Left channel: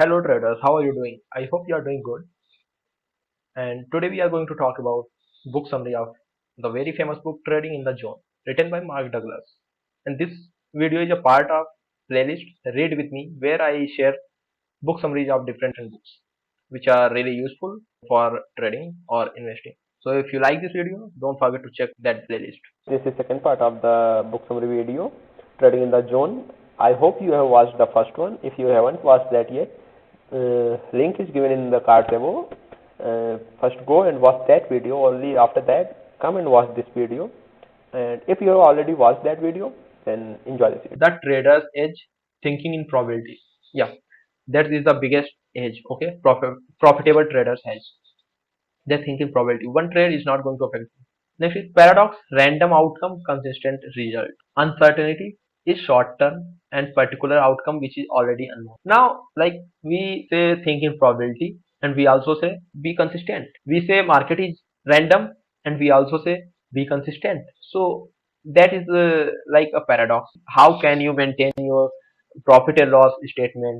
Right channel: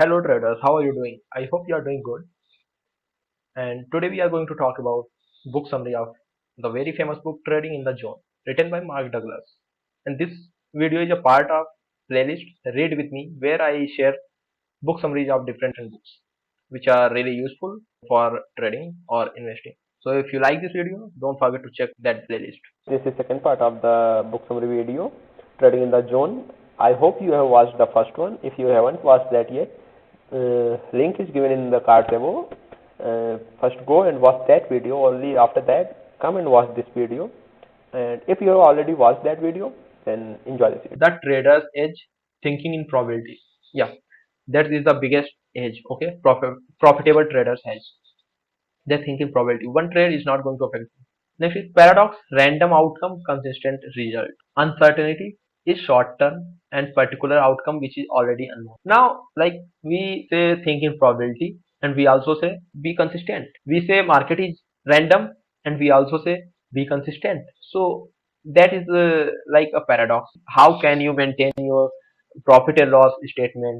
Hello traders, how are you doing? I hope you are doing good. And today we are going to talk about book summary of the very famous book Trading in the Zone, written by Mark Douglas. And this video is a part of playlist Read with Me, where I share book summaries of different books, which are really useful for trading or investing. So if you like this video, don't forget to check that playlist. This is second part of the book summary video, Trading in the Zone. I hope you have watched the first one. If you haven't watched that yet, link is given in the cards above. First go and watch that video. Only after that, come and watch this video. And if you have already watched that video, then enjoy this video. The trader's edge, thinking in probability. Yeah, that is the biggest edge. Okay, profitable traders hedge. They think in probability. One trade is not going to affect you. Next is paradox, random outcome, consistent result. Uncertainty is short term and particular outcome which is already unknown. Now, like we say think in probability and we also say be consistent. We say market is random and we also say be consistent. So that is like a paradox. How can you maintain your profit and loss statement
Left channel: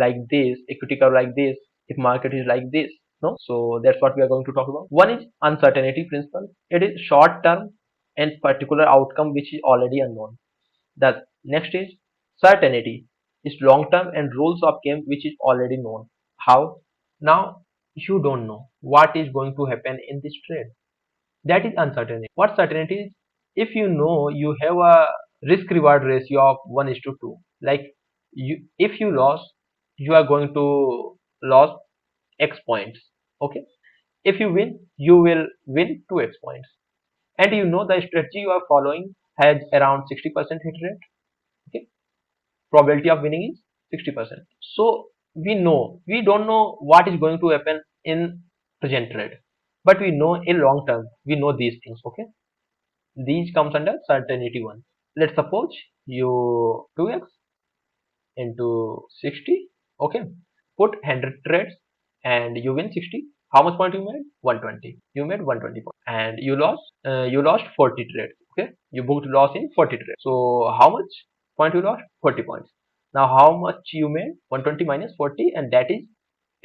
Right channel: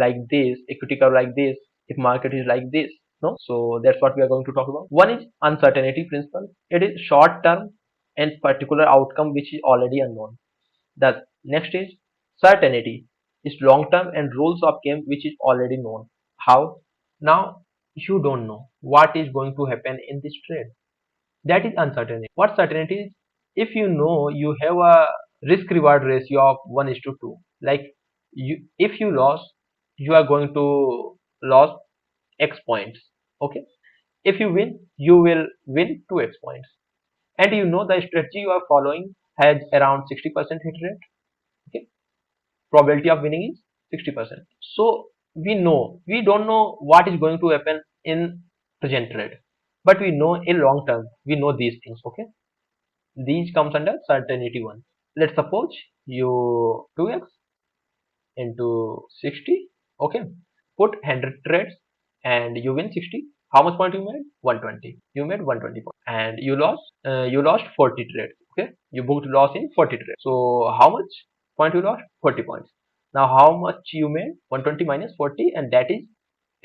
like this, equity curve like this, if market is like this? No, so that's what we are going to talk about. One is uncertainty principle. It is short term and particular outcome which is already unknown. That next is certainty. It's long term and rules of game which is already known. How? Now you don't know what is going to happen in this trade. That is uncertainty. What certainty is? If you know you have a risk reward ratio of 1:2, like if you lost, you are going to lose X points. Okay. If you win, you will win 2X points. And you know the strategy you are following has around 60% hit rate. Okay. Probability of winning is 60%. So we don't know what is going to happen in present trade. But we know in long term, we know these things. Okay. These comes under certainty one. Let's suppose you 2X and you win 60.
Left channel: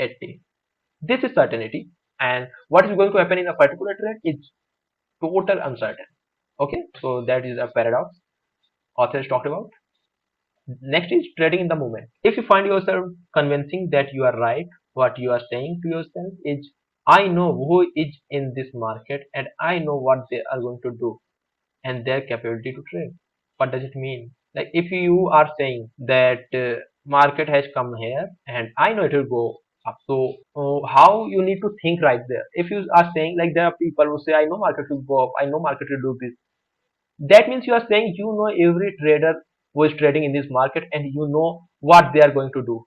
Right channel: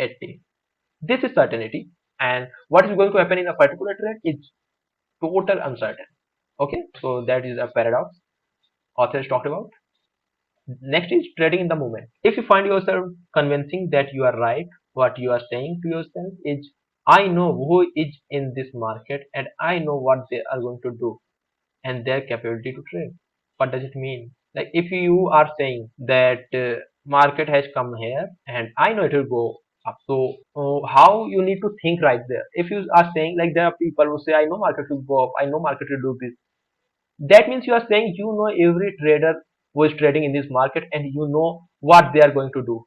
Okay. This is certainty. And what is going to happen in a particular trade is total uncertain. Okay, so that is a paradox authors talked about. Next is trading in the moment. If you find yourself convincing that you are right, what you are saying to yourself is, I know who is in this market and I know what they are going to do and their capability to trade. What does it mean? Like if you are saying that market has come here and I know it will go up. So how you need to think right there? If you are saying like there are people who say I know market will go up, I know market will do this, that means you are saying you know every trader who is trading in this market and you know what they are going to do.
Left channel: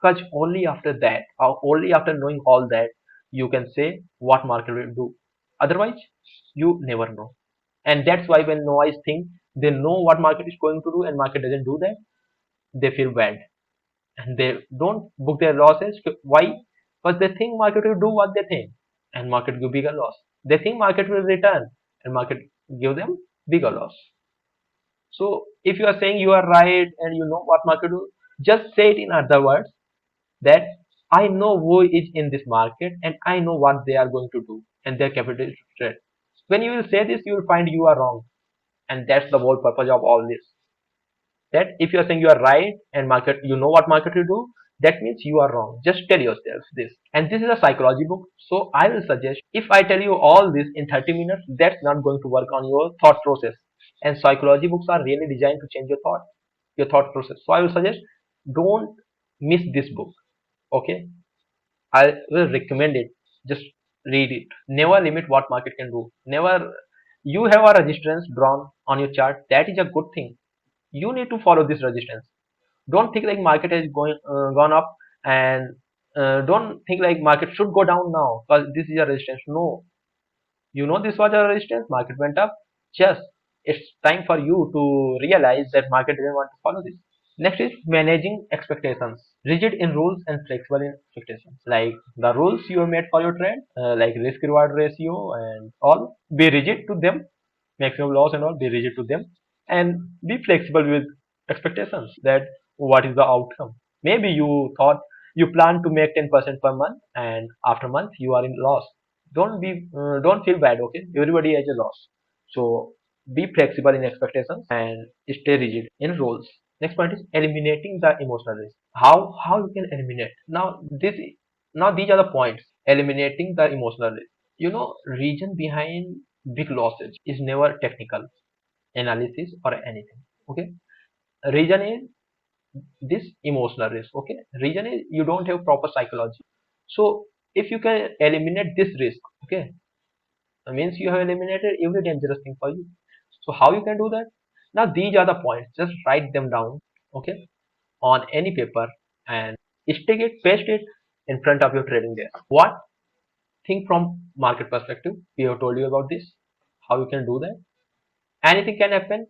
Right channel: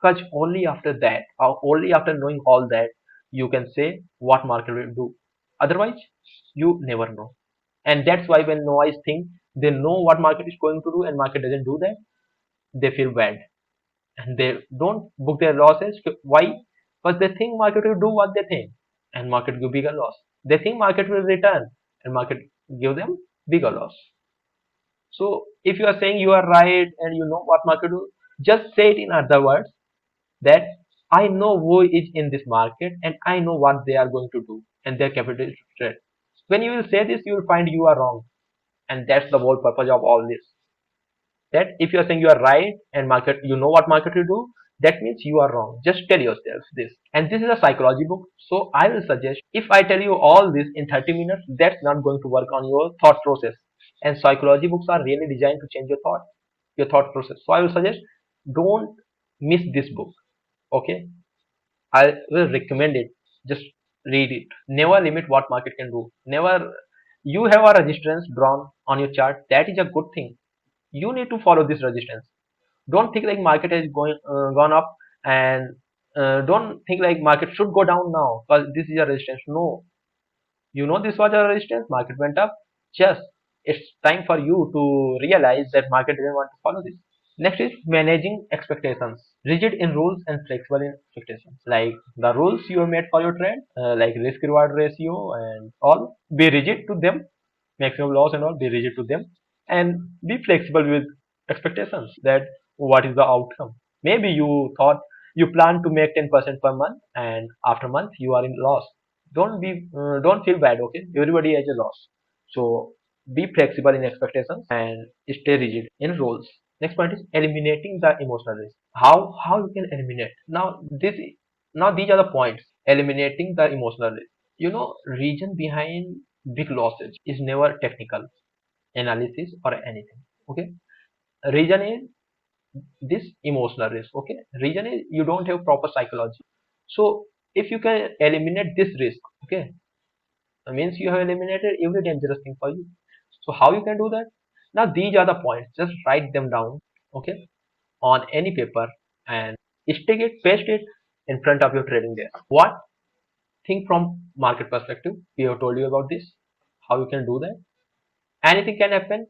Because only after that, or only after knowing all that, you can say what market will do. Otherwise, you never know. And that's why when noise think they know what market is going to do and market doesn't do that, they feel bad and they don't book their losses. Why? Because they think market will do what they think and market give bigger loss. They think market will return and market give them bigger loss. So if you are saying you are right and you know what market do, just say it in other words that I know who is in this market and I know what they are going to do and their capital is to trade. When you will say this, you will find you are wrong, and that's the whole purpose of all this. That if you are saying you are right and market, you know what market will do, that means you are wrong. Just tell yourself this. And this is a psychology book, so I will suggest if I tell you all this in 30 minutes, that's not going to work on your thought process. And psychology books are really designed to change your thought process. So I will suggest don't miss this book. Okay, I will recommend it. Just read it. Never limit what market can do. Never. You have a resistance drawn on your chart. That is a good thing. You need to follow this resistance. Don't think like market has gone up and don't think like market should go down now because this is a resistance. No, you know this was a resistance. Market went up. Just it's time for you to realize that market didn't want to follow this. Next is managing expectations. Rigid in rules and flexible in expectations. Like the rules you have made for your trade, like risk reward ratio and all, be rigid to them. Maximum loss and all, be rigid to them, and be flexible with expectations. That what is the outcome? Maybe you thought You plan to make 10% per month, and after month you are in loss. Don't feel bad. Okay, everybody has a loss. So be flexible in expectations and stay rigid in roles. Next point is eliminating the emotional risk. How you can eliminate now these are the points. Eliminating the emotional risk. Reason behind big losses is never technical analysis or anything. Okay, reason is this emotional risk. Okay, reason is you don't have proper psychology. So if you can eliminate this risk, okay, means you have eliminated every dangerous thing for you. So how you can do that? Now these are the points. Just write them down, okay, on any paper and stick it, paste it in front of your trading desk. What? Think from market perspective. We have told you about this. How you can do that? Anything can happen.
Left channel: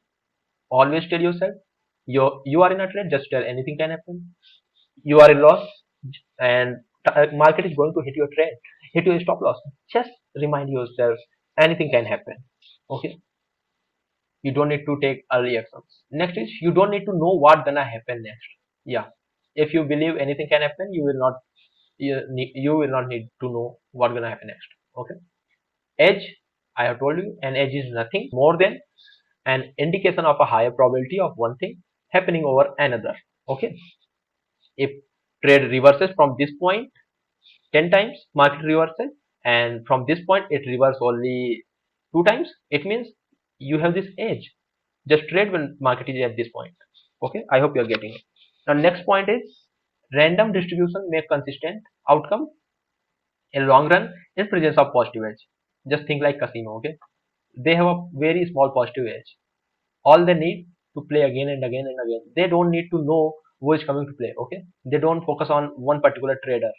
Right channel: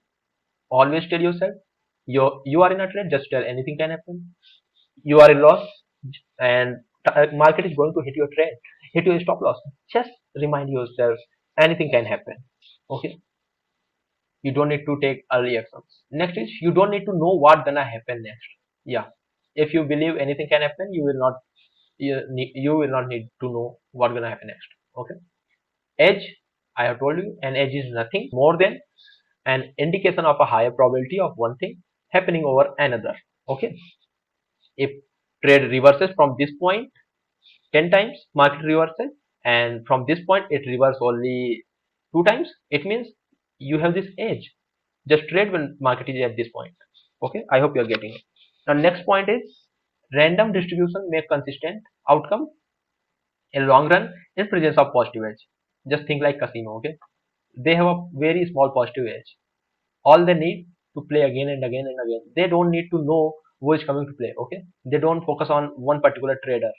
Always tell yourself you are in a trade. Just tell anything can happen. You are in loss, and market is going to hit your trade, hit your stop loss. Just remind yourself anything can happen. Okay, you don't need to take early actions. Next is you don't need to know what gonna happen next. Yeah, if you believe anything can happen, you will not need to know what gonna happen next. Okay, edge, I have told you, an edge is nothing more than an indication of a higher probability of one thing happening over another. Okay, if trade reverses from this point 10 times, market reversal, and from this point it reverses only 2 times, it means you have this edge. Just trade when market is at this point. Okay, I hope you are getting it. Now next point is random distribution make consistent outcome in long run in presence of positive edge. Just think like casino. Okay, they have a very small positive edge. All they need to play again and again and again. They don't need to know who is coming to play. Okay, they don't focus on one particular trader.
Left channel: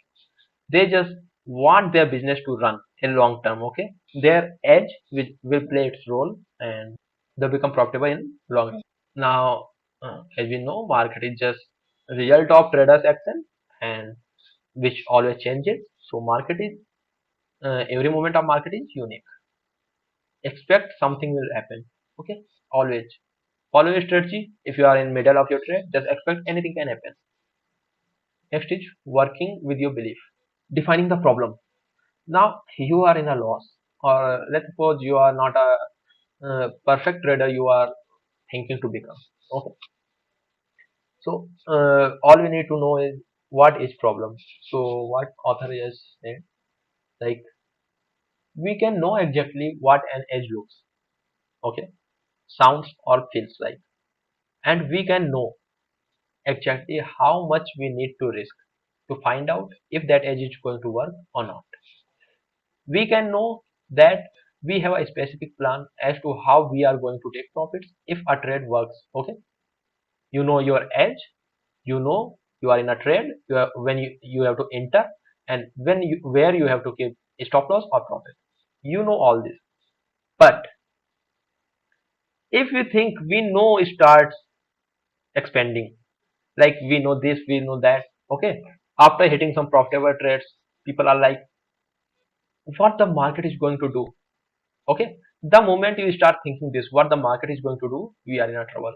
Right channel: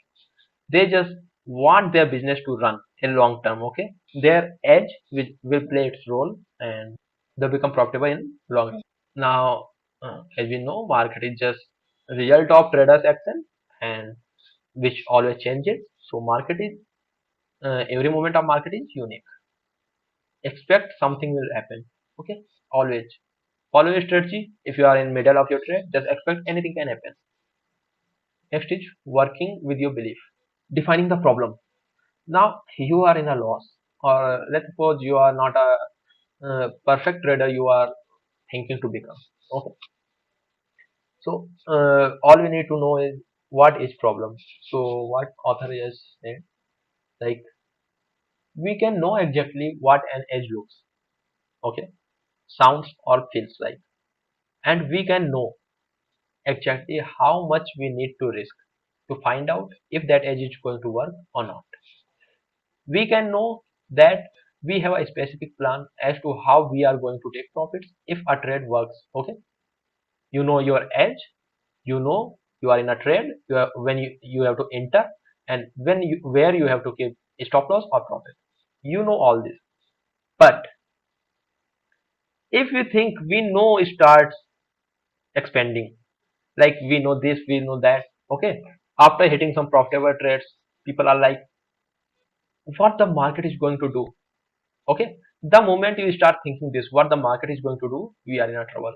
They just want their business to run in long term. Okay, their edge will play its role, and they become profitable in long run. Now, as we know, market is just result of traders action, and which always changes. So market is every moment of market is unique. Expect something will happen. Okay, always follow your strategy. If you are in middle of your trade, just expect anything can happen. Next is working with your belief, defining the problem. Now you are in a loss, or let's suppose you are not a perfect trader. You are thinking to become. Okay, so all we need to know is what is problem. So what author has said, like we can know exactly what an edge looks, okay, sounds or feels like, and we can know exactly how much we need to risk to find out if that edge is going to work or not. We can know that we have a specific plan as to how we are going to take profits if a trade works. Okay, you know your edge, you know you are in a trade, when you have to enter, and where you have to keep stop loss or profit. You know all this, but if you think we know it starts expanding, like we know this, we know that. Okay, after hitting some profitable trades, people are like, what the market is going to do. Okay, the moment you start thinking this, what the market is going to do, we are in a trouble.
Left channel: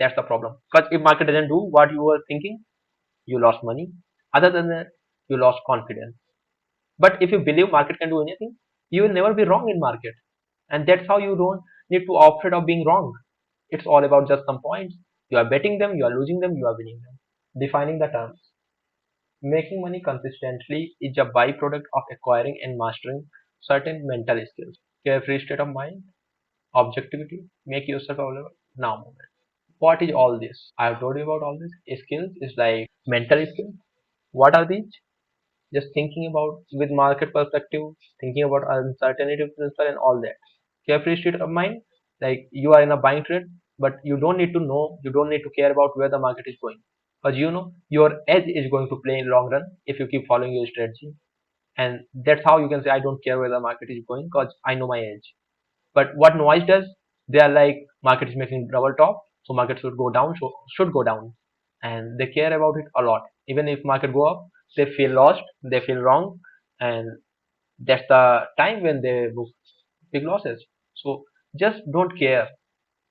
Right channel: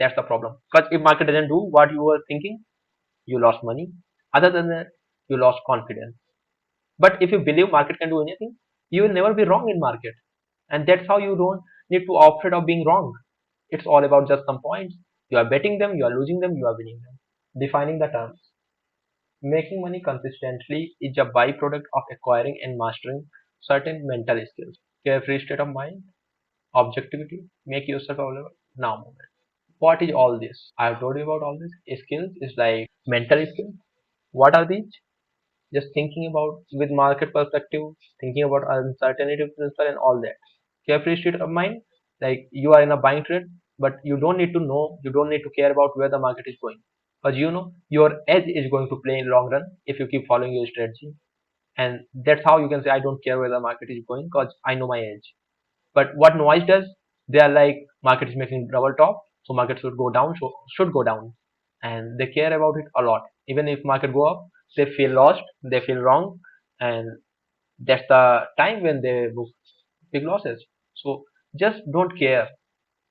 That's the problem, because if market doesn't do what you were thinking, you lost money. Other than that, you lost confidence. But if you believe market can do anything, you will never be wrong in market. And that's how you don't need to afraid of being wrong. It's all about just some points. You are betting them, you are losing them, you are winning them. Defining the terms. Making money consistently is a byproduct of acquiring and mastering certain mental skills. Carefree state of mind, objectivity, make yourself available now moment. What is all this? I have told you about all this. Skills is like mental skills. What are these? Just thinking about with market perspective, thinking about uncertainty principle and all that. Carefree state of mind, like you are in a buying trade, but you don't need to know, you don't need to care about where the market is going. Because you know your edge is going to play in long run if you keep following your strategy. And that's how you can say I don't care where the market is going because I know my edge. But what noise does, they are like market is making double top, so market should go down, so should go down, and they care about it a lot. Even if market go up, they feel lost, they feel wrong, and that's the time when they book big losses. So just don't care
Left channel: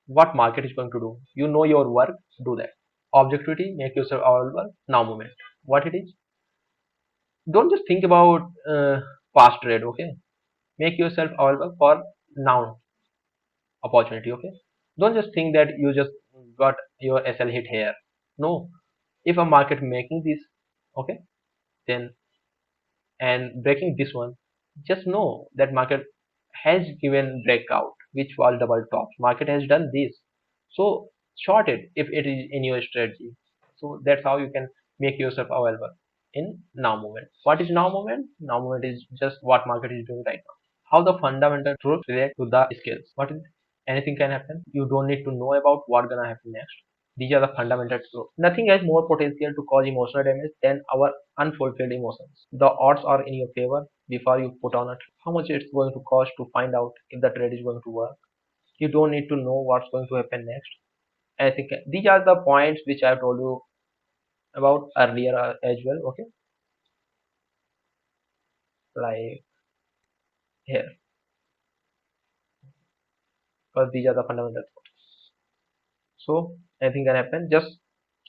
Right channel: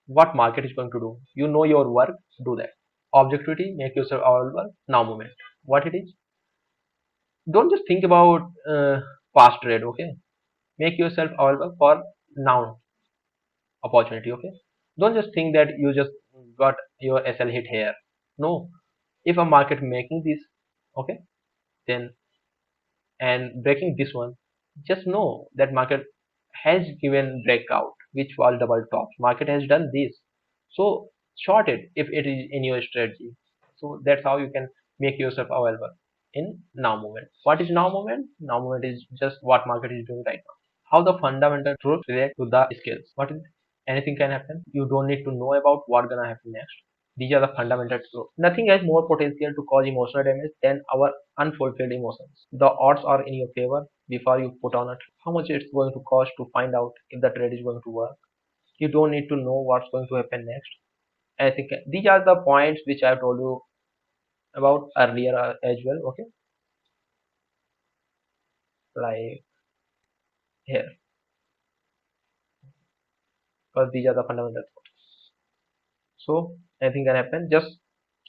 what market is going to do. You know your work, do that. Objectivity, make yourself available now moment. What it is? Don't just think about past trade. Okay, make yourself available for now opportunity. Okay, don't just think that you just got your SL hit here. No, if a market making this, okay, then and breaking this one, just know that market has given breakout which was double tops. Market has done this, so short it if it is in your strategy. So that's how you can make yourself available in now moment. What is now moment? Now moment is just what market is doing right now. How the fundamental truth relate to the skills. What is anything can happen. You don't need to know about what gonna happen next. These are the fundamental truths. Nothing has more potential to cause emotional damage than our unfulfilled emotions. The odds are in your favor before you put on it. How much it's going to cost to find out if the trade is going to work. You don't need to know what's going to happen next. I think these are the points which I've told you about earlier as well. Okay, like here, because these are the fundamentals. So anything can happen. Just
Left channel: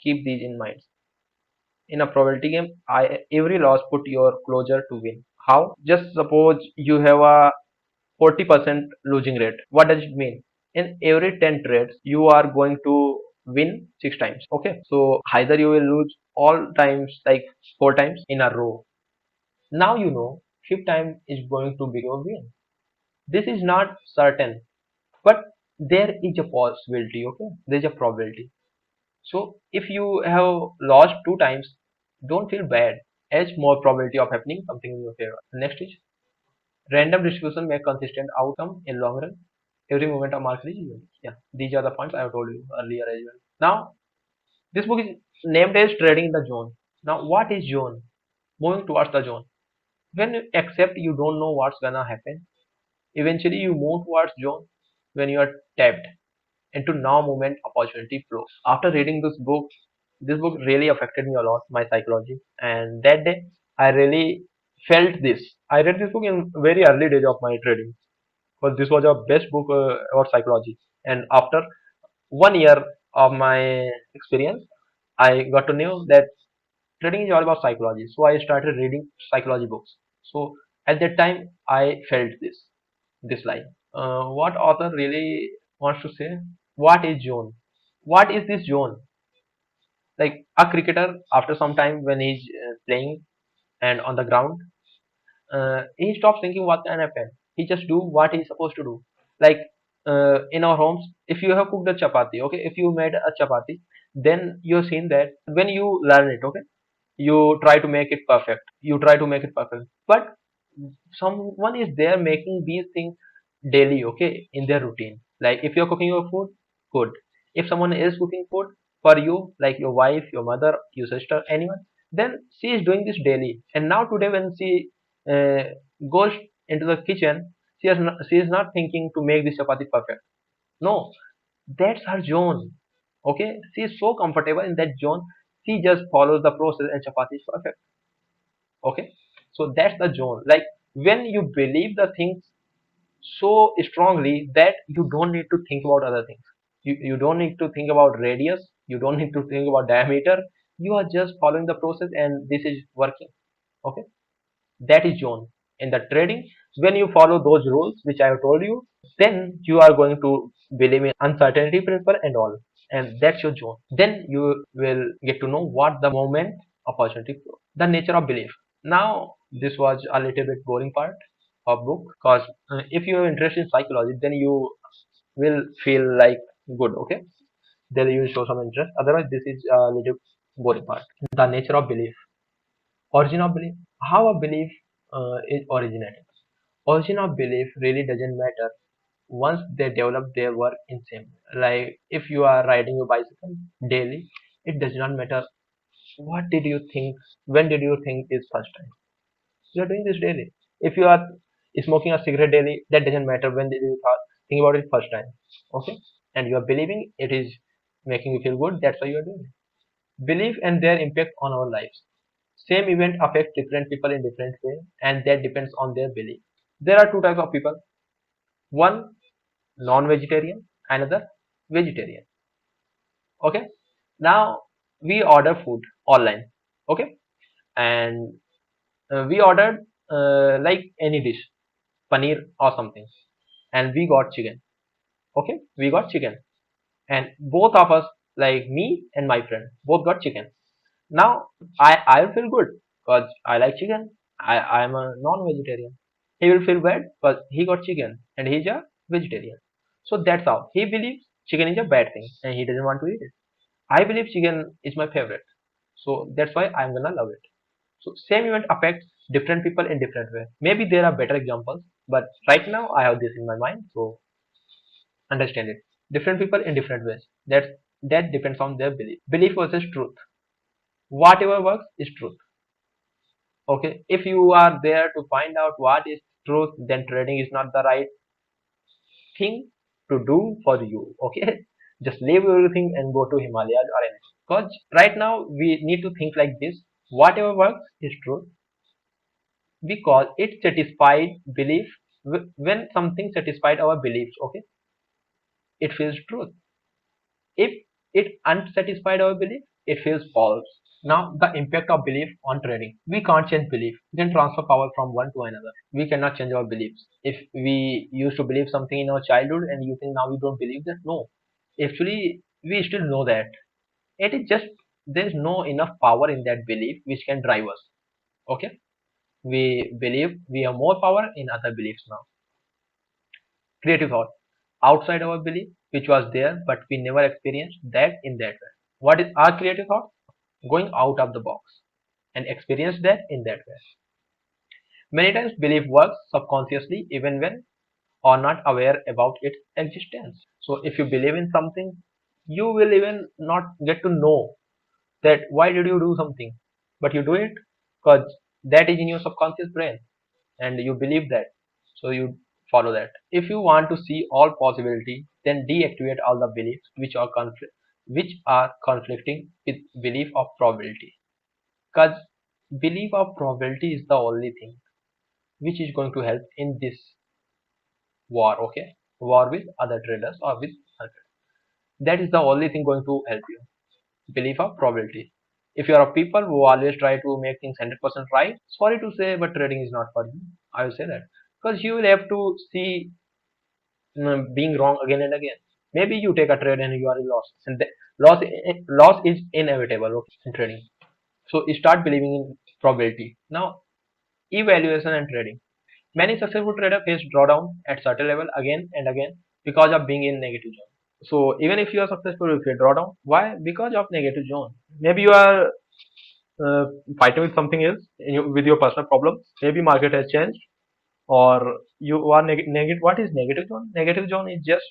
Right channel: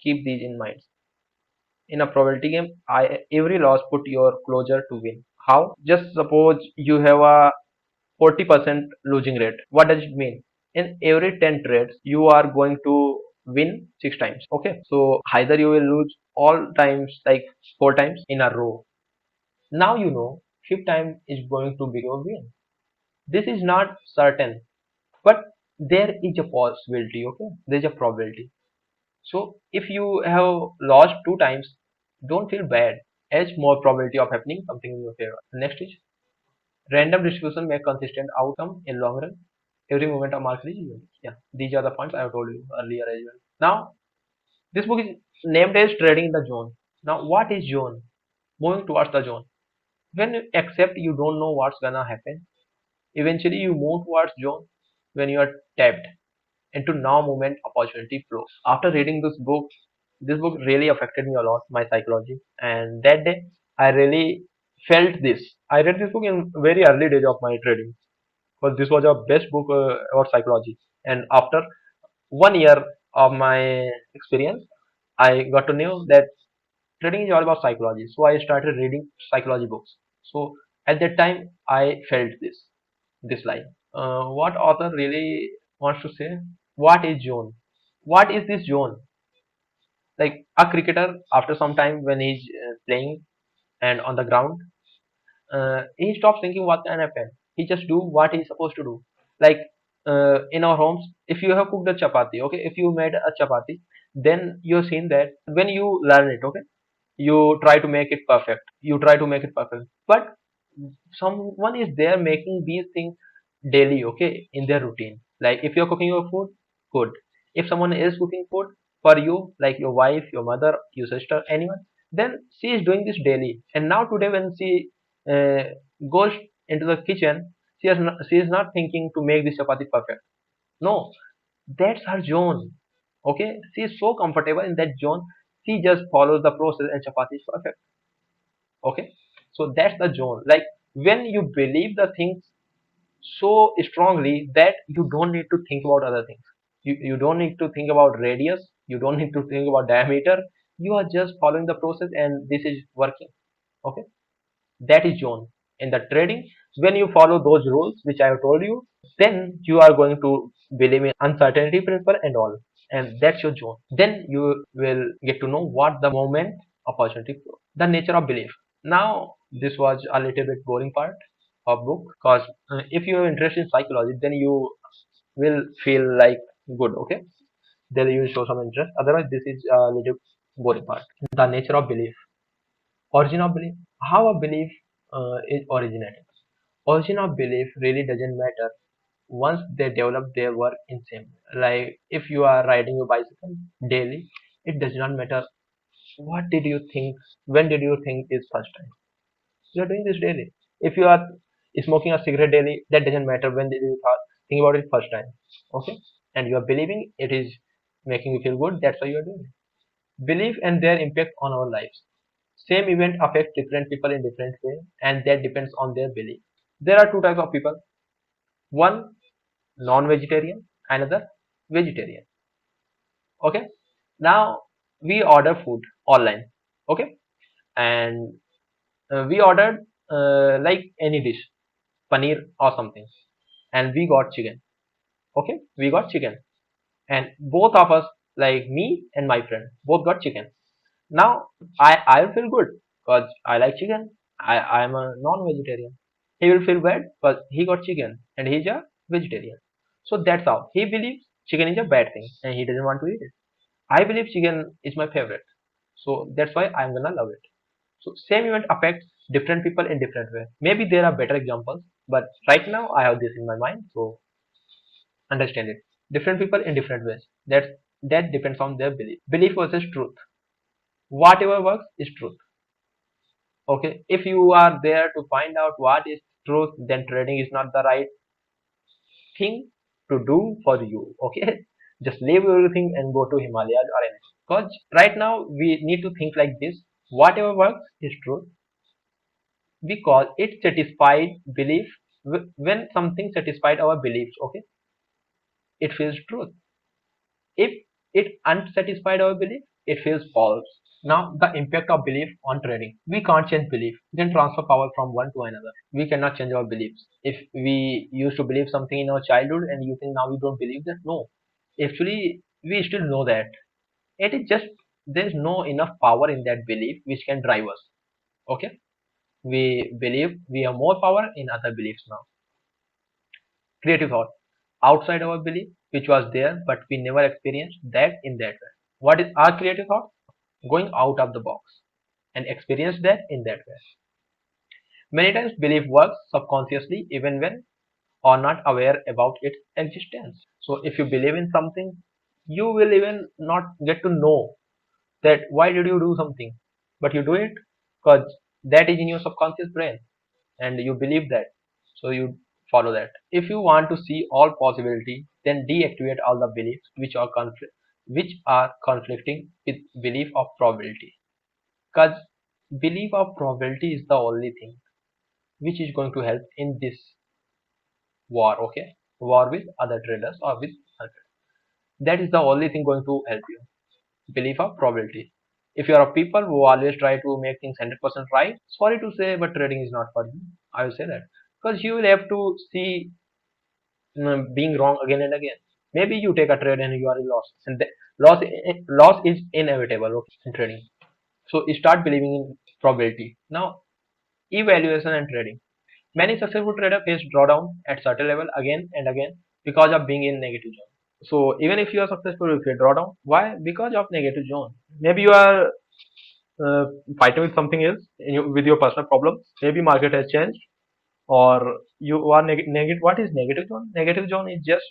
keep these in mind. In a probability game, every loss put your closer to win. How? Just suppose you have a 40% losing rate. What does it mean? In every 10 trades, you are going to win 6 times. Okay, so either you will lose all times, like 4 times in a row. Now you know fifth time is going to be your win. This is not certain, but there is a possibility. Okay, there is a probability. So if you have lost 2 times, don't feel bad. As more probability of happening something in your favor. Next is random distribution make consistent outcome in long run. Every moment of market is unique. Yeah, these are the points I have told you earlier as well. Now this book is named as Trading in the Zone. Now what is zone? Moving towards the zone. When you accept you don't know what's gonna happen, eventually you move towards zone when you are tapped into now moment opportunity flow. After reading this book really affected me a lot, my psychology. And that day I really felt this. I read this book in very early days of my trading because this was a best book about psychology. And after 1 year of my experience, I got to know that trading is all about psychology. So I started reading psychology books. So at that time, I felt this line. What author really wants to say? What is zone? What is this zone? Like a cricketer, after some time when he's playing, he's not thinking what can happen. He's just doing what he's supposed to do. Like, if you need to make your body, okay, if you made a chapati, then you think that when you learn it, okay, you try to make it perfect. You try to make it perfect. But someone is there making these things daily, okay, in their routine. Like if you're cooking food, good. If you are good cooking food for you, like your wife, your mother, your sister, someone, then these daily is daily. And one today when you say, go in the kitchen, she is not thinking to make this chapati perfect. There is no zone. Okay, she's so comfortable in this zone. She just follows the process and chapati is perfect. Okay, so that's the zone. Like when you believe the thing so strongly that you don't need to think about other things. You don't need to think about radius. You don't need to think about diameter. You are just following the process and this is working. Okay. That is zone. In the trading, when you follow those rules which I have told you, then you are going to believe in uncertainty principle and all. And that's your zone. Then you will get to know what the moment opportunity flow. The nature of belief. Now this was a little bit boring part of book because if you're interested in psychology, then you will feel like good. Okay, then you will show some interest. Otherwise, this is a little boring part. The nature of belief. Origin of belief. How a belief is originated. Origin of belief really doesn't matter once they develop their work in same. Like if you are riding a bicycle daily, it does not matter what did you think, when did you think is first time. You are doing this daily. If you are smoking a cigarette daily, that doesn't matter when did you think about it first time. Okay, and you are believing it is making you feel good. That's why you are doing it. Belief and their impact on our lives. Same event affects different people in different way, and that depends on their belief. There are two types of people. One non-vegetarian, another vegetarian. Okay. Now we order food online. Okay, and We ordered like any dish, paneer or something, and we got chicken. Okay, we got chicken, and both of us, like me and my friend, both got chicken. Now I will feel good because I like chicken. I'm a non-vegetarian. He will feel bad because he got chicken and he's a vegetarian. So that's how he believes chicken is a bad thing and he doesn't want to eat it. I believe chicken is my favorite, so that's why I'm gonna love it. So same event affects different people in different ways. Maybe there are better examples, but right now I have this in my mind, so understand it. Different people in different ways. That depends on their belief. Belief versus truth. Whatever works is truth. Okay. If you are there to find out what is truth, then trading is not the right thing to do for you. Okay. Just leave everything and go to Himalayas or anything. Because right now we need to think like this. Whatever works is truth because it satisfied belief. When something satisfied our beliefs, okay, it feels truth. If it unsatisfied our belief, it feels false. Now, the impact of belief on trading. We can't change belief. We can transfer power from one to another. We cannot change our beliefs. If we used to believe something in our childhood and you think now we don't believe that, no. Actually, we still know that. It is just there is no enough power in that belief which can drive us. Okay? We believe we have more power in other beliefs now. Creative thought. Outside our belief, which was there, but we never experienced that in that way. What is our creative thought? Going out of the box and experience that in that way. Many times belief works subconsciously even when or not aware about its existence. So if you believe in something, you will even not get to know that why did you do something, but you do it because that is in your subconscious brain and you believe that. So you follow that. If you want to see all possibility, then deactivate all the beliefs which are conflicting with belief of probability. Because belief of probability is the only thing which is going to help in this war, okay? War with other traders or with other traders. That is the only thing going to help you. Belief of probability. If you are a people who always try to make things 100% right, sorry to say, but trading is not for you. I will say that. Because you will have to see being wrong again and again. Maybe you take a trade and you are in loss. And loss is inevitable, okay, in trading. So you start believing in probability. Now, evaluation and trading. Many successful traders face drawdown at certain level again and again because of being in negative zone. So even if you are successful, if you draw down, why? Because of negative zone. Maybe you are uh, fighting with something else with your personal problems. Maybe market has changed, or you are negative. What is negative zone? Negative zone is just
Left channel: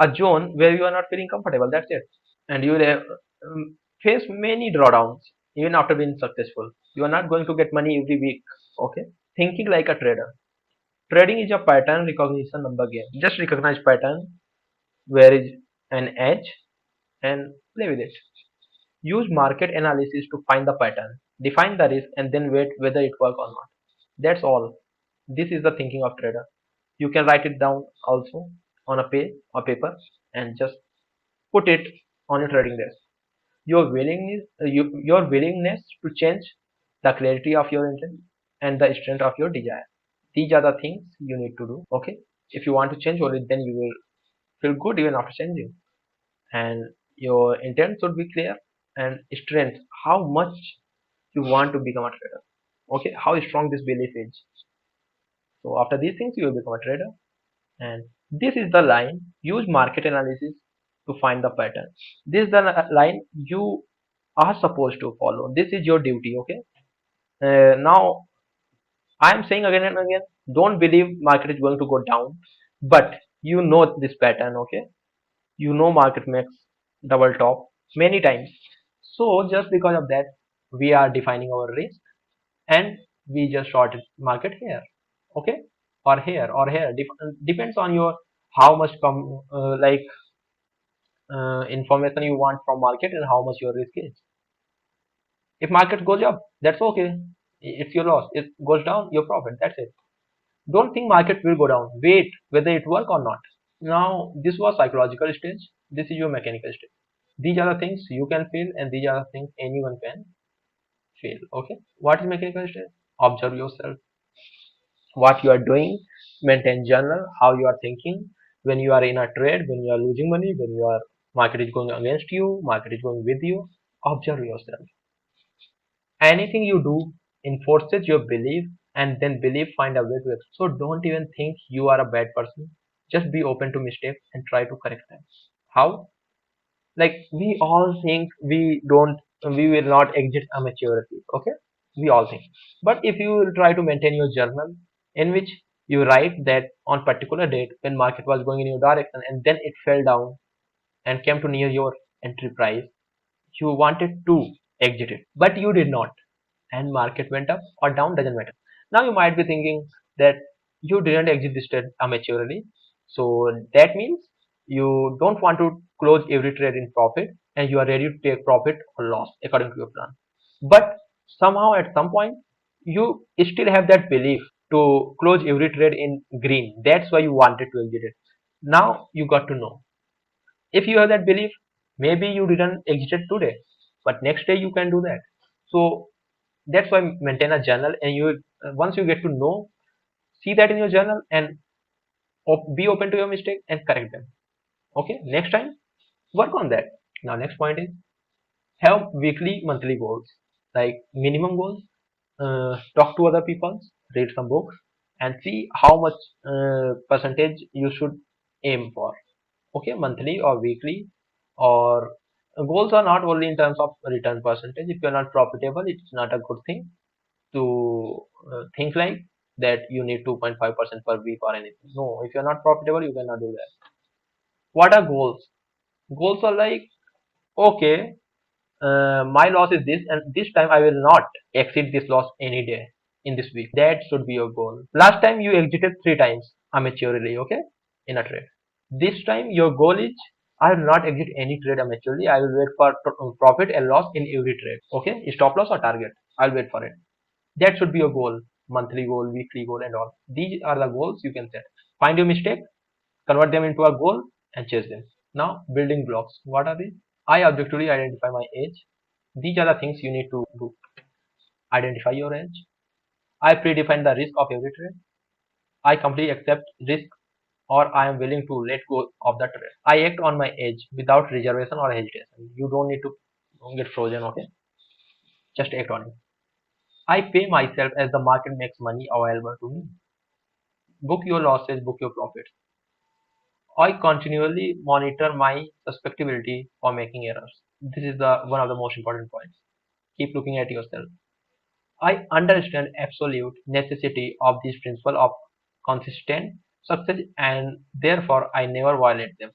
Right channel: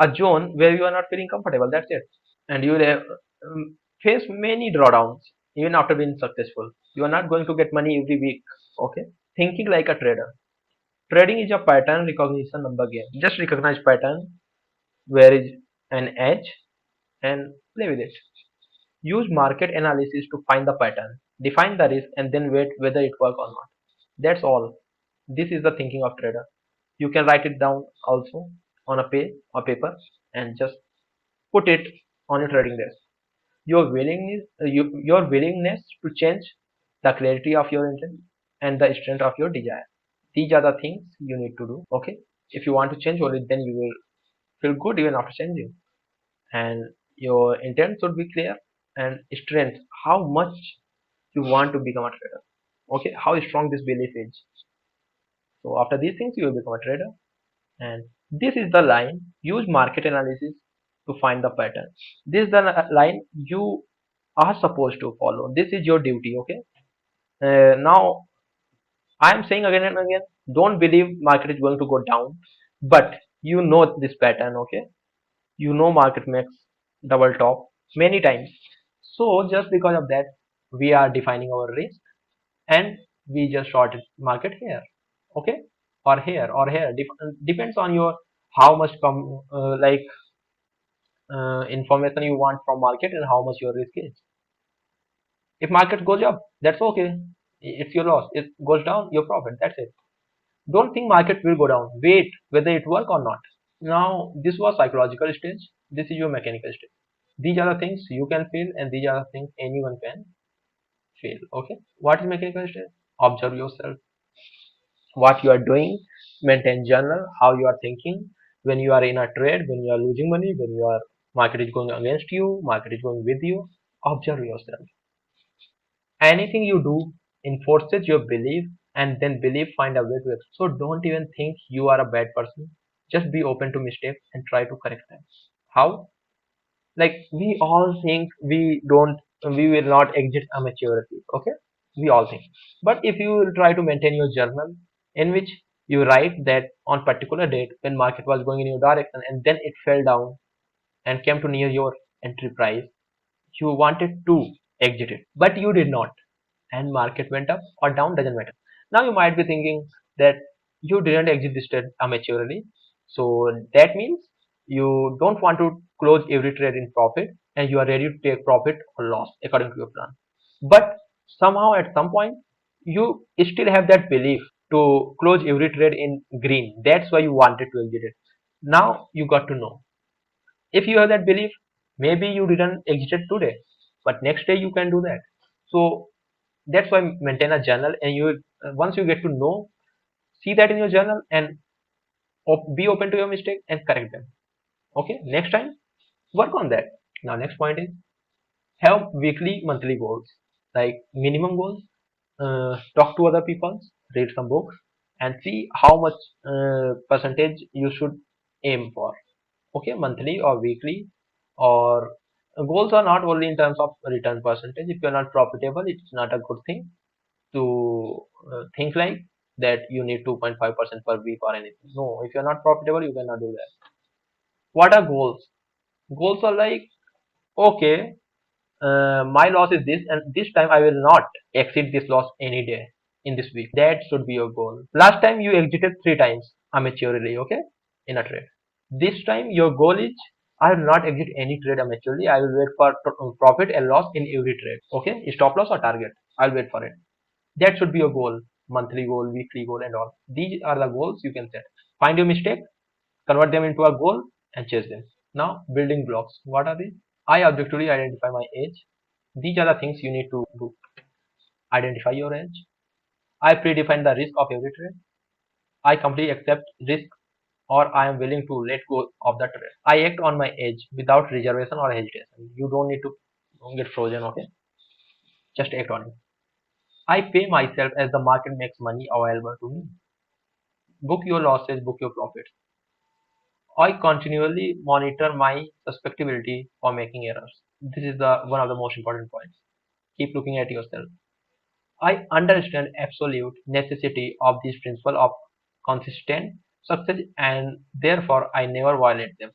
a zone where you are not feeling comfortable. That's it, and you will face many drawdowns even after being successful. You are not going to get money every week. Okay, thinking like a trader. Trading is a pattern recognition number game. Just recognize pattern where is an edge and play with it. Use market analysis to find the pattern, define the risk, and then wait whether it works or not. That's all. This is the thinking of trader. You can write it down also on a page or paper and just put it on your trading desk. Your willingness to change, the clarity of your intent, and the strength of your desire. These are the things you need to do. Okay. If you want to change only, then you will feel good even after changing. And your intent should be clear and strength. How much you want to become a trader. Okay, how strong this belief is. So after these things, you will become a trader. And this is the line. Use market analysis to find the pattern. This is the line you are supposed to follow. This is your duty. Okay. Now I am saying again and again, don't believe market is going to go down, but you know this pattern. Okay, you know market makes double top many times. So just because of that, we are defining our risk and we just shorted market here, okay, or here or here. Depends on your how much information you want from market and how much your risk is. If market goes up, that's okay, it's your loss. It goes down, your profit. That's it. Don't think market will go down. Wait whether it work or not. Now this was psychological stage. This is your mechanical stage. These are the things you can feel and these are the things anyone can feel. Okay. What is mechanical stage? Observe yourself, what you are doing, maintain journal, how you are thinking when you are in a trade, when you are losing money, when your market is going against you, market is going with you. Observe yourself. Anything you do enforces your belief, and then belief find a way to it. So don't even think you are a bad person. Just be open to mistakes and try to correct them. How? Like we all think we will not exit a maturity. Okay, we all think. But if you will try to maintain your journal in which you write that on particular date when market was going in your direction and then it fell down and came to near your entry price, you wanted to exit it but you did not, and market went up or down, doesn't matter. Now you might be thinking that you didn't exit this trade amateurly, so that means you don't want to close every trade in profit and you are ready to take profit or loss according to your plan. But somehow at some point you still have that belief to close every trade in green. That's why you wanted to exit it. Now you got to know, if you have that belief, maybe you didn't exit today, but next day you can do that. So that's why maintain a journal, and you once you get to know, see that in your journal and be open to your mistake and correct them. Okay, next time work on that. Now next point is have weekly monthly goals, like minimum goals. Talk to other people, read some books, and see how much percentage you should aim for. Okay, monthly or weekly, or goals are not only in terms of return percentage. If you're not profitable, it's not a good thing to think like that you need 2.5% per week or anything. No, if you're not profitable, you cannot do that. What are goals? Goals are like, okay, my loss is this and this time I will not exceed this loss any day in this week. That should be your goal. Last time you exited 3 times amateurly, okay, in a trade. This time your goal is, I will not exit any trade amateurly. I will wait for profit and loss in every trade. Okay, stop loss or target, I'll wait for it. That should be your goal. Monthly goal, weekly goal, and all these are the goals you can set. Find your mistake, convert them into a goal, and chase them. Now building blocks, what are they? I objectively identify my age. These are the things you need to do. Identify your age. I predefine the risk of every trade. I completely accept risk, or I am willing to let go of the trade. I act on my age without reservation or hesitation. You don't need to get frozen, okay? Just act on it. I pay myself as the market makes money available to me. Book your losses, book your profits. I continually monitor my susceptibility for making errors. This is the one of the most important points. Keep looking at yourself. I understand absolute necessity of this principle of consistent success, and therefore I never violate them.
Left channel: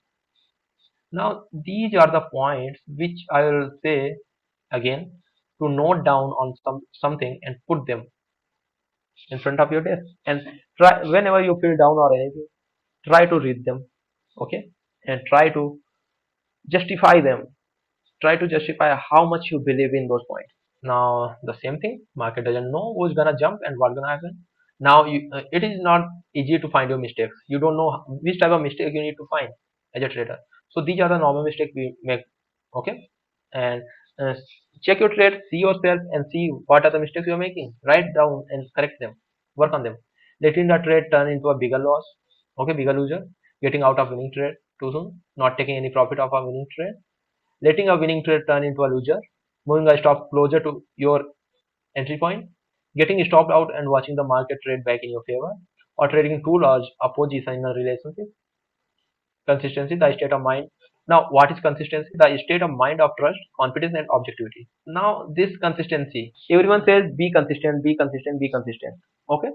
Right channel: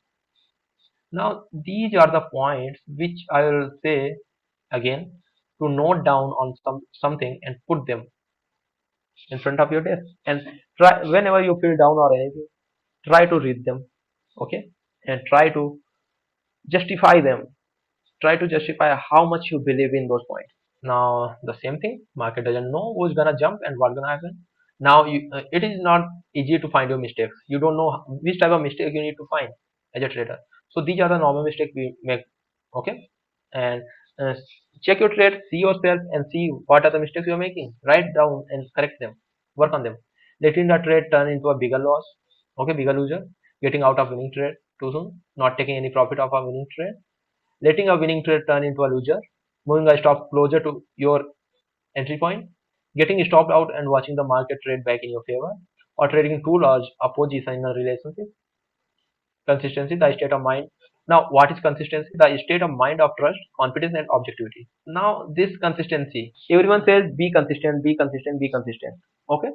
Now these are the points which I will say again, to note down on something and put them in front of your desk, and try whenever you feel down or anything, try to read them, okay, and try to justify them. Try to justify how much you believe in those points. Now the same thing, market doesn't know who's gonna jump and what's gonna happen. Now it is not easy to find your mistakes. You don't know which type of mistake you need to find as a trader. So these are the normal mistakes we make. Okay, and uh, check your trade, see yourself, and see what are the mistakes you're making. Write down and correct them. Work on them. Letting the trade turn into a bigger loss. Okay, bigger loser. Getting out of winning trade too soon. Not taking any profit of a winning trade. Letting a winning trade turn into a loser, moving a stop closer to your entry point, getting stopped out and watching the market trade back in your favor, or trading too large a position in a relationship. Consistency, the state of mind. Now, what is consistency? The state of mind of trust, confidence, and objectivity. Now, this consistency, everyone says be consistent, be consistent, be consistent. Okay?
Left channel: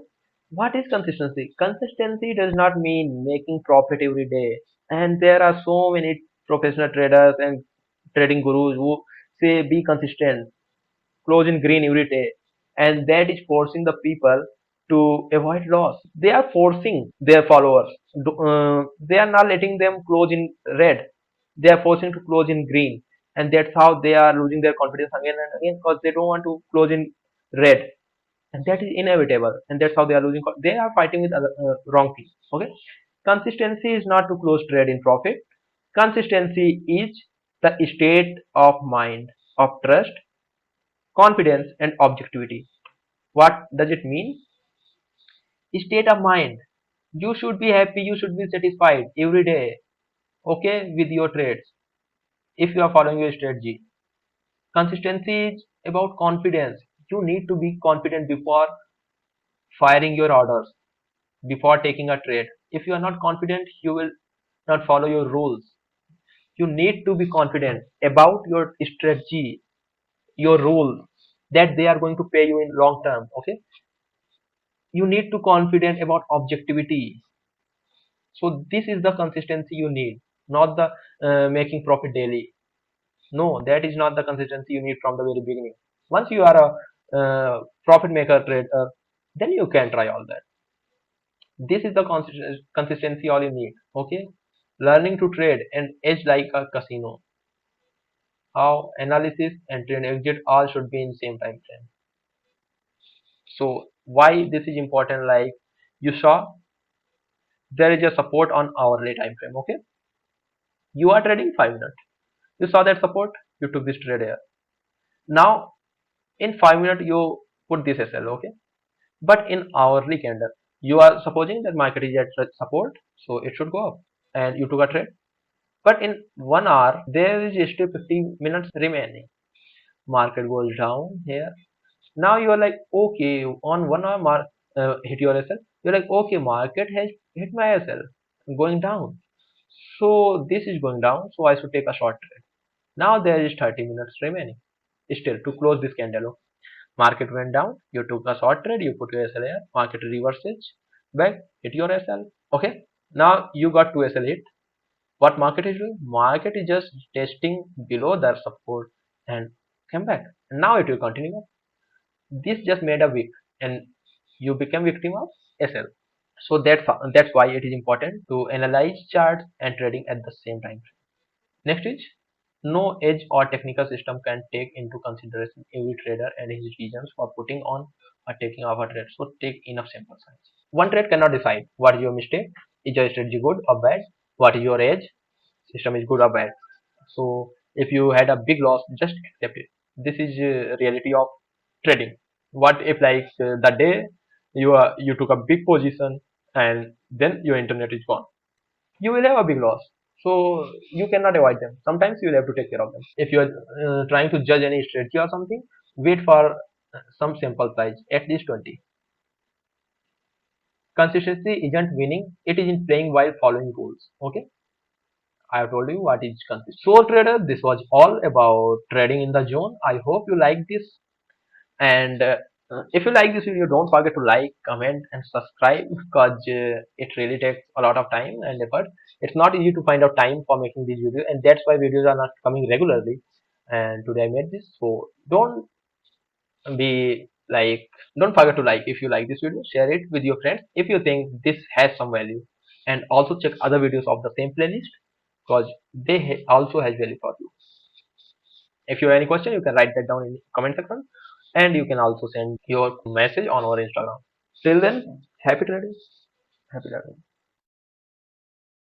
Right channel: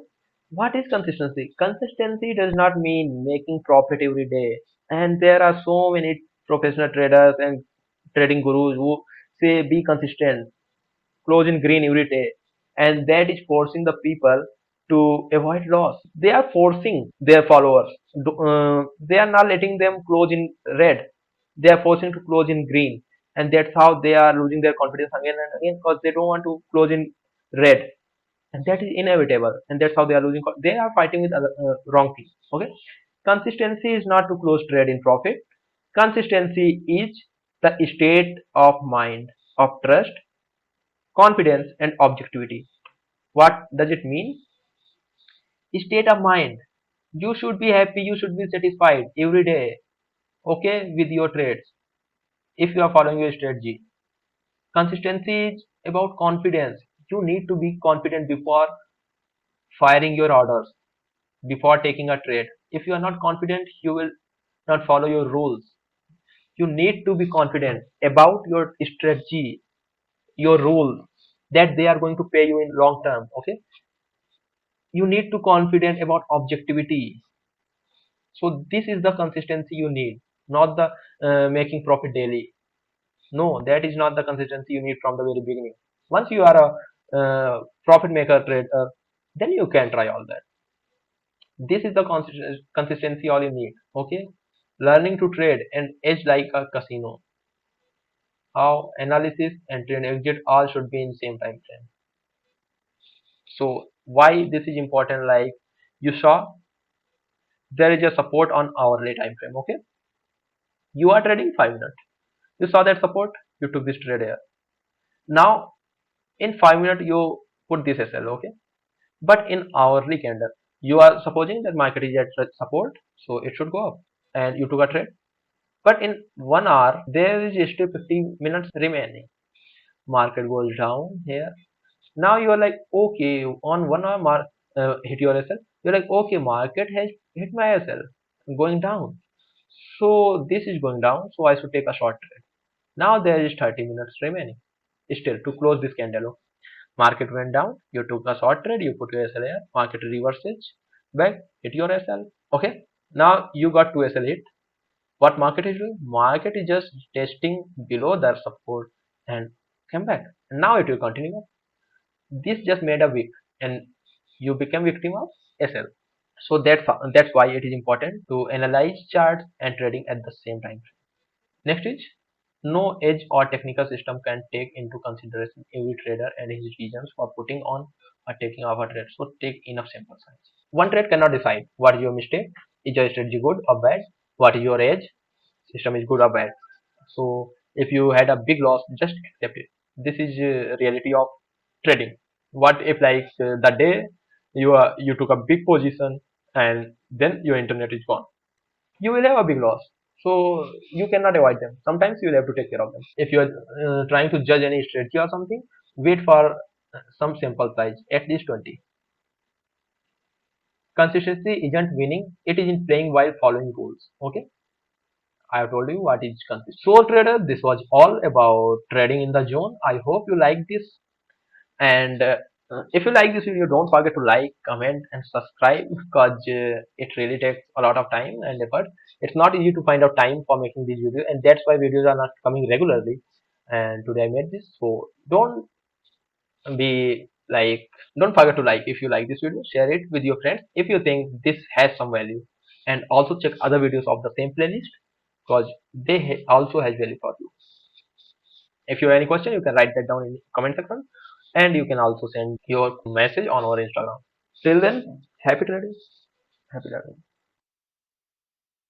What is consistency? Consistency does not mean making profit every day. And there are so many professional traders and trading gurus who say be consistent, close in green every day, and that is forcing the people to avoid loss. They are forcing their followers. They are not letting them close in red. They are forcing to close in green, and that's how they are losing their confidence again and again because they don't want to close in red, and that is inevitable. And that's how they are losing. They are fighting with other wrong things. Okay, consistency is not to close trade in profit. Consistency is the state of mind of trust, confidence, and objectivity. What does it mean? State of mind. You should be happy, you should be satisfied every day, okay, with your trades if you are following your strategy. Consistency is about confidence. You need to be confident before firing your orders, before taking a trade. If you are not confident, you will not follow your rules. You need to be confident about your strategy, your rules, that they are going to pay you in long term. Okay, you need to confident about objectivity. So this is the consistency you need, not the making profit daily. No, that is not the consistency you need from the very beginning. Once you are a profit maker trader, then you can try all that. This is the consistency all you need. Okay, learning to trade and edge like a casino. How analysis and trade exit all should be in same time frame. So why this is important? Like you saw, there is a support on hourly time frame. Okay, you are trading 5 minutes. You saw that support. You took this trade here. Now in 5 minutes you put this SL. Okay, but in hourly candle, you are supposing that market is at support, so it should go up, and you took a trade. But in 1 hour, there is still 15 minutes remaining. Market goes down here. Now you are like, okay, on 1 hour, hit your SL. You're like, okay, market has hit my SL, going down. So this is going down, so I should take a short trade. Now there is 30 minutes remaining. Still to close this candle. Market went down, you took a short trade, you put your SL here, market reverses, bro, hit your SL. Okay, now you got two SL hit. What market is doing? Market is just testing below that support and come back. Now if you continue, this just made a wick and you become victim of SL. So that's why it is important to analyze charts and trading at the same time. Next is no edge or technical system can take into consideration every trader and his decisions for putting on or taking off a trade. So take enough sample size. One trade cannot decide what is your mistake, is your strategy good or bad, what is your edge, system is good or bad. So if you had a big loss, just accept it. This is reality of trading. What if like the day you took a big position and then your internet is gone? You will have a big loss. So you cannot avoid them. Sometimes you will have to take care of them. If you are trying to judge any strategy or something, wait for some sample size, at least 20. Consistency isn't winning; it is in playing while following rules. Okay, I have told you what is consistency. So trader, this was all about trading in the zone. I hope you like this. And if you like this video, don't forget to like, comment, and subscribe because it really takes a lot of time and effort. It's not easy to find out time for making these videos, and that's why videos are not coming regularly. And today I made this, so be like, don't forget to like if you like this video, share it with your friends if you think this has some value, and also check other videos of the same playlist because they also has value for you. If you have any question, you can write that down in comment section, and you can also send your message on our Instagram. Till then, happy trading. Happy trading.